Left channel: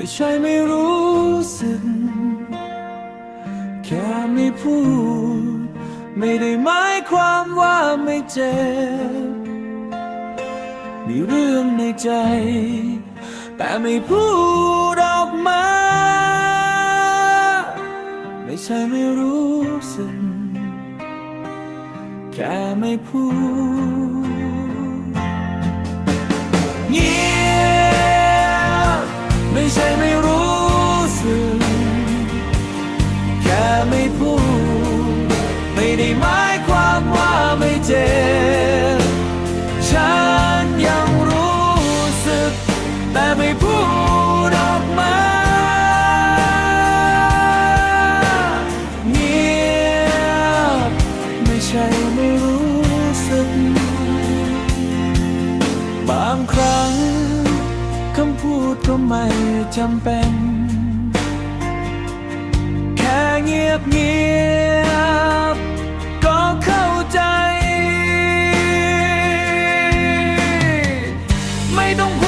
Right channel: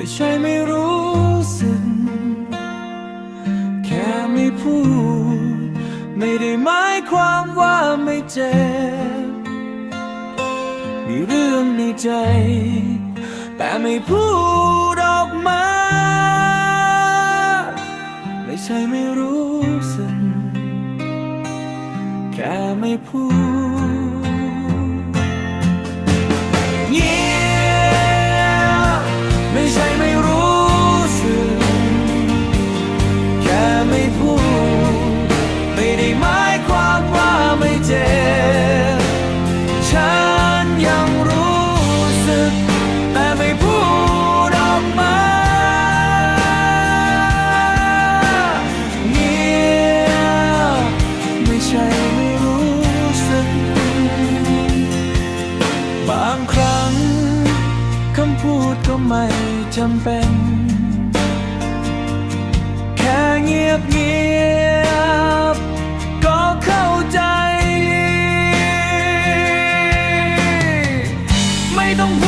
ไม่ใช่ไม่รู้สึก แค่ไม่พูด ไม่ได้หมายความว่าไม่เจ็บ มีเรื่องในใจ แต่ไม่พูดออกมา ไม่ใช่ไม่รู้สึก แค่ไม่พูด ไม่พูด ไม่ได้หมายความว่าไม่เจ็บ ฉันยังรู้สึก แต่ไม่พูดออกมา เงียบ ไม่ใช่ไม่รู้สึก บางครั้งคำพูดก็ไม่จำเป็น เงียบเงียบๆก็เข้าใจ ไม่ต้องพู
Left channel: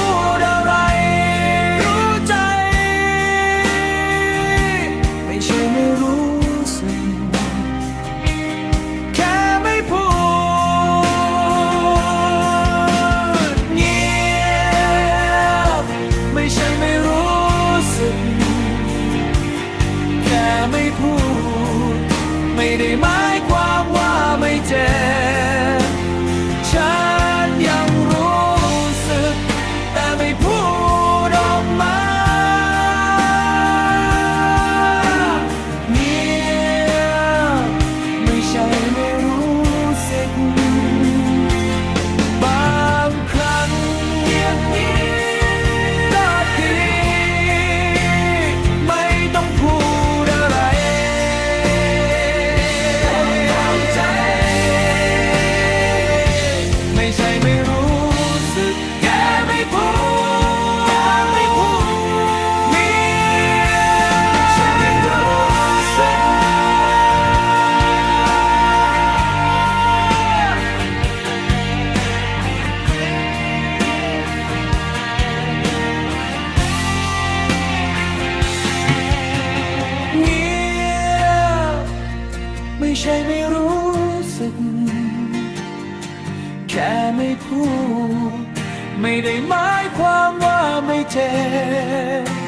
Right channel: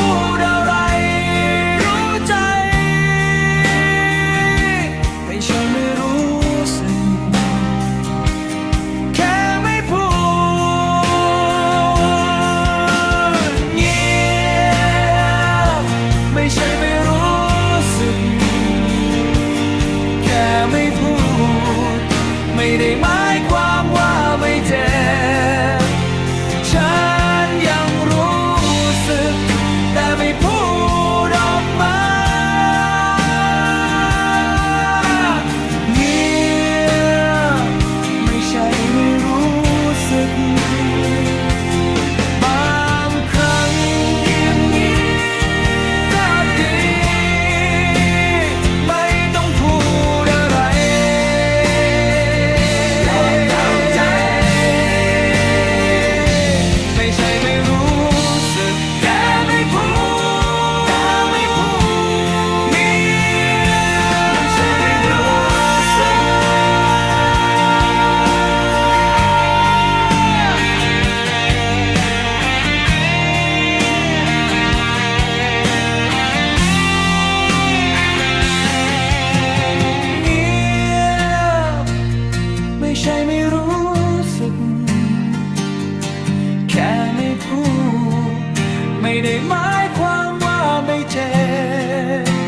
ไม่พูด ไม่ได้หมายความว่าไม่เจ็บ ฉันยังรู้สึก แต่ไม่พูดออกมา เงียบไม่ใช่ไม่รู้สึก ไม่ใช่ไม่รู้สึกแค่ไม่พูดแค่ไม่พูดเงียบไม่ใช่ไม่รู้สึก แค่ไม่พูด ไม่ได้หมายความว่าไม่เจ็บ